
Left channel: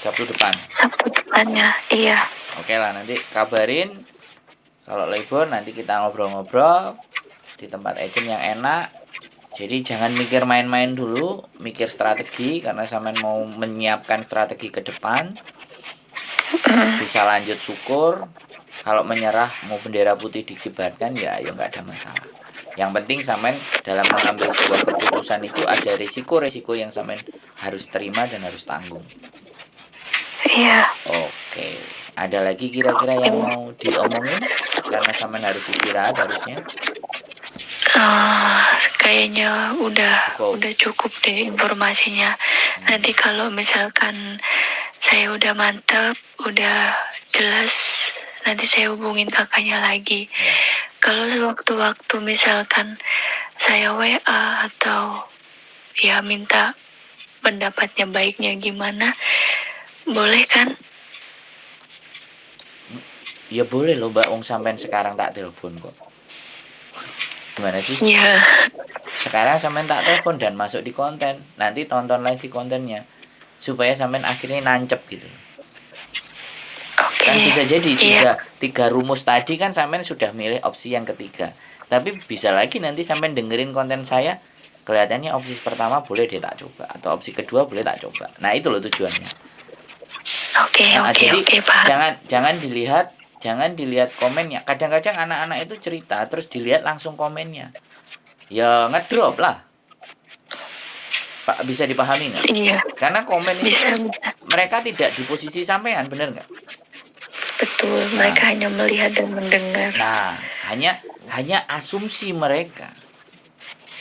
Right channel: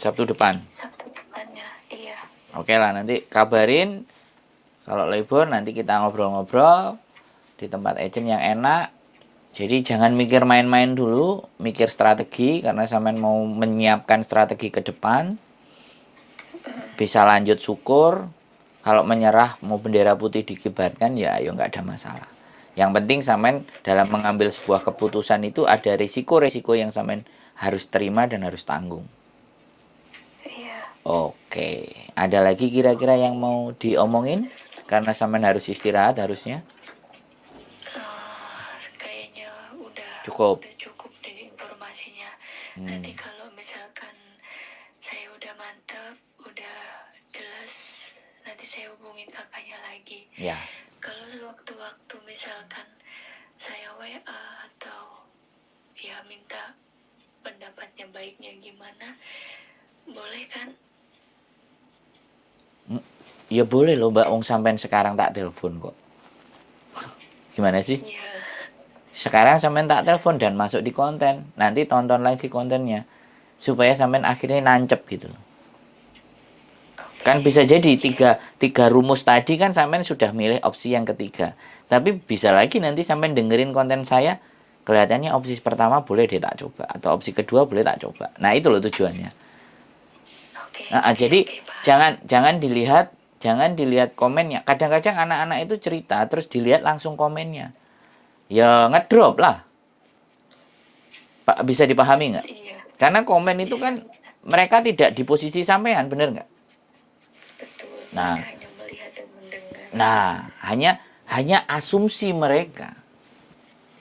Sabtu depan. Sabtu depannya. Iya. Oke lah, nanti kabarin. Kalau libur nanti kita ngobrol-ngobrol di tempat agent yang enak. Jadi jangan mikir main-main dulu, mikir strategi, karena sampean mau menyiapkan strategi ke depan. Bisa lanjut syukur. Kalau menyerah mau bendera putih dikibarkan, ya ayo, nggak ada masalah. Yang penting sampean dalam mengambil sebuah keputusan itu ada risiko-risiko yang sampean harus terima dan harus tanggung. Iya. Oke. Ada lagi kira-kira yang mau diomongin? Karena sampean harus istirahat harusnya. Kayaknya udah cukup deh informasinya. Nanti kalau misalkan saya udah mantep, udah jelas, nanti saya hubungin kakaknya lagi. Ya. Kalau sewaktu-waktu misalkan saya WA atau ya minta pendapatnya baiknya gimana, boleh kan? Ya boleh loh Mbak, wong sampean sekarang tak telepon kok. Gimana sih? Iya. Sekarang sampean tak telepon dan masuk di konten. Nanti tonton lagi kontennya. Supaya sampean akhirnya nancep gitu. Oke. Kan bisa jadi Iya. tiga rumus tadi kan sampean sudah milih opsi yang ketiga. Tapi bisa lagi nanti sampean dengerin konten saya, kelihatannya opsi pertama boleh deh tak coba, atau opsi kedua boleh tak coba. Nah itu loh tujuannya. Jadi Pak. jangan dilihat komennya. Kadang-kadang anak-anak itu cerita terus dilihat langsung komennya. Ya ngedrop lah. Pak, bisa dipahami nggak? Iya. Karena komen itu Bisa. Mereka tidak di posisi sampean, bener nggak? Betul, mereka hanya melihat dan mendengar. Nah, hanya asumsi mereka.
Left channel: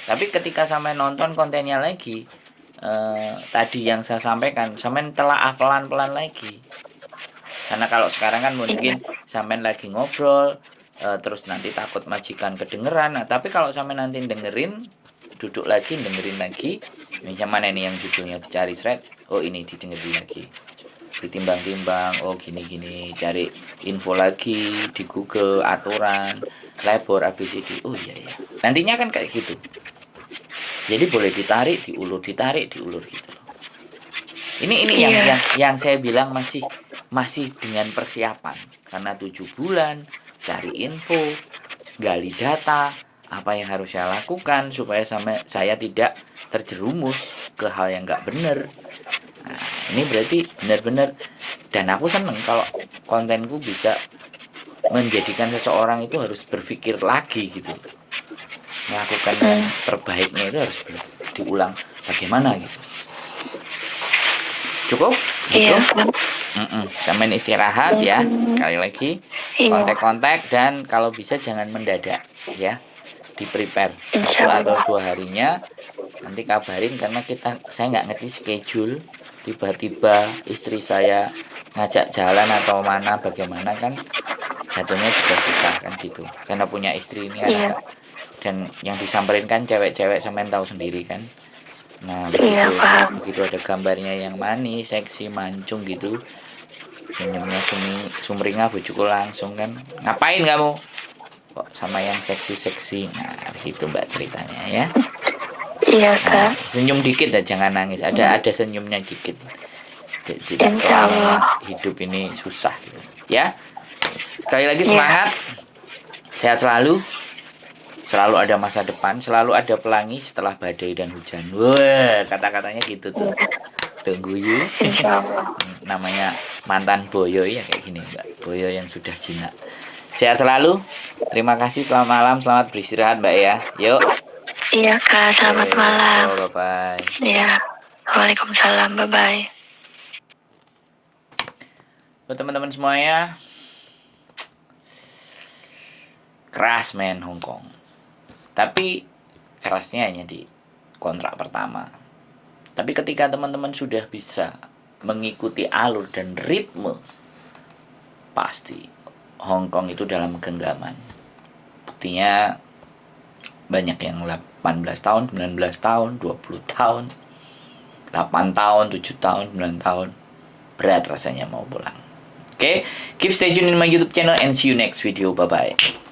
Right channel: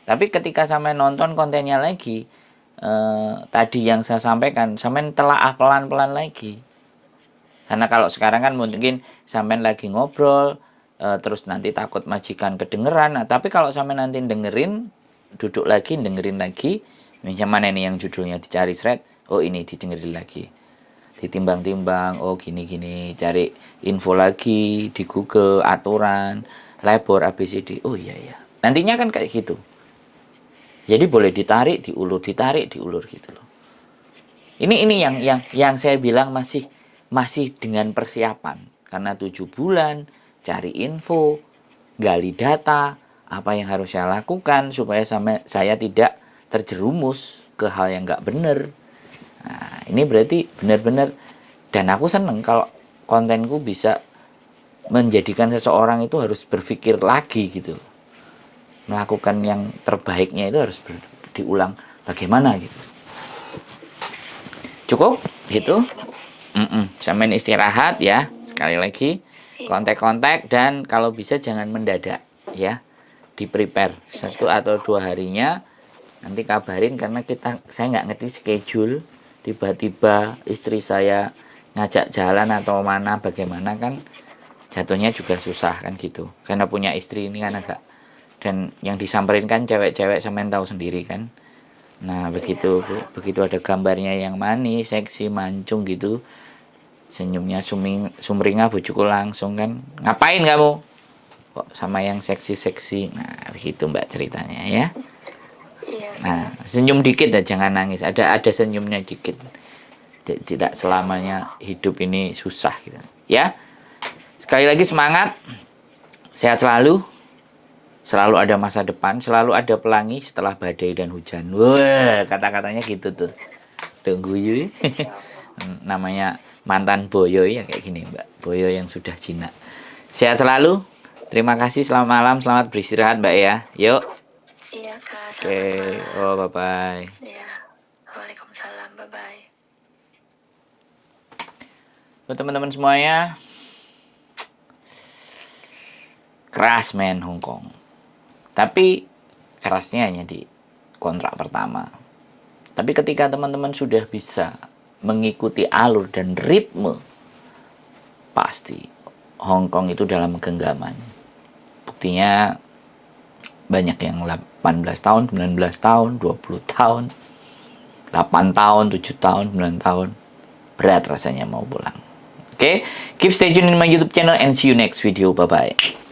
Tapi ketika sampean nonton kontennya lagi, tadi yang saya sampaikan, sampean telaah pelan-pelan lagi. Karena kalau sekarang kan mungkin sampean lagi ngobrol, terus nanti takut majikan kedengeran. Nah, tapi kalau sampean nanti dengerin, duduk lagi, dengerin lagi, yang mana nih yang judulnya dicari thread, oh ini didengerin lagi, ditimbang-timbang, oh gini-gini, cari info lagi di Google, aturan, labor, ABCD, oh iya ya. Nantinya kan kayak gitu. Jadi boleh ditarik, diulur gitu loh. Ini yang saya bilang masih dengan persiapan, karena 7 bulan cari info, gali data, apa yang harus saya lakukan supaya saya tidak terjerumus ke hal yang nggak benar. Nah, ini berarti benar-benar, dan aku seneng kalau kontenku bisa menjadikan seseorang itu harus berpikir lagi gitu, melakukan yang terbaiknya itu harus diulang bagaimana gitu. Cukup? Iya. Sampai istirahat ya. Sekali lagi kontak-kontak, dan kalau bisa jangan mendadak ya, di prepare 1 atau 2 harinya. Nanti kabarin, karena saya nggak ngerti schedule, tiba-tiba istri saya ngajak jalan atau mana bagaimana, kan jatuhnya juga susah kan gitu, karena punya istri ini kan agak, dan yang disamperin kan cewek-cewek, semen tahu sendiri kan. Nah begitu ada gambarnya yang manis, seksi, mancung gitu, senyumnya sumringah, bojoku langsung kan, ngapain kamu kok sama yang seksi. Nah gitu Mbak ceritanya ya. Iya Kak. Senyum dikit dan jangan nangis, ada senyumnya dikit. Tidak selamanya hidup ini susah gitu ya. Sekali lagi semangat, sehat selalu ada masa depan, selalu ada pelangi setelah badai dan hujan. Wah, kata-katanya gitu tuh. Tunggu yuk. Namanya mantan boyo ya kayak gini Mbak. Boyo yang sudah jinak. Sehat selalu. Terima kasih, selamat malam, selamat beristirahat Mbak ya. Yuk. Iya Kak, selamat malam. Bye. Iya. Waalaikumsalam, bye. Buat teman-teman semuanya, keras main Hongkong. Tapi kerasnya hanya di kontrak pertama. Tapi ketika teman-teman sudah bisa mengikuti alur dan ritme, pasti Hongkong itu dalam genggaman. Buktinya banyak yang 18 tahun, 19 tahun, 20 tahun. 8 tahun, 7 tahun, 9 tahun. Berat rasanya mau pulang. Oke, keep stay tune in my YouTube channel and see you next video. Bye-bye.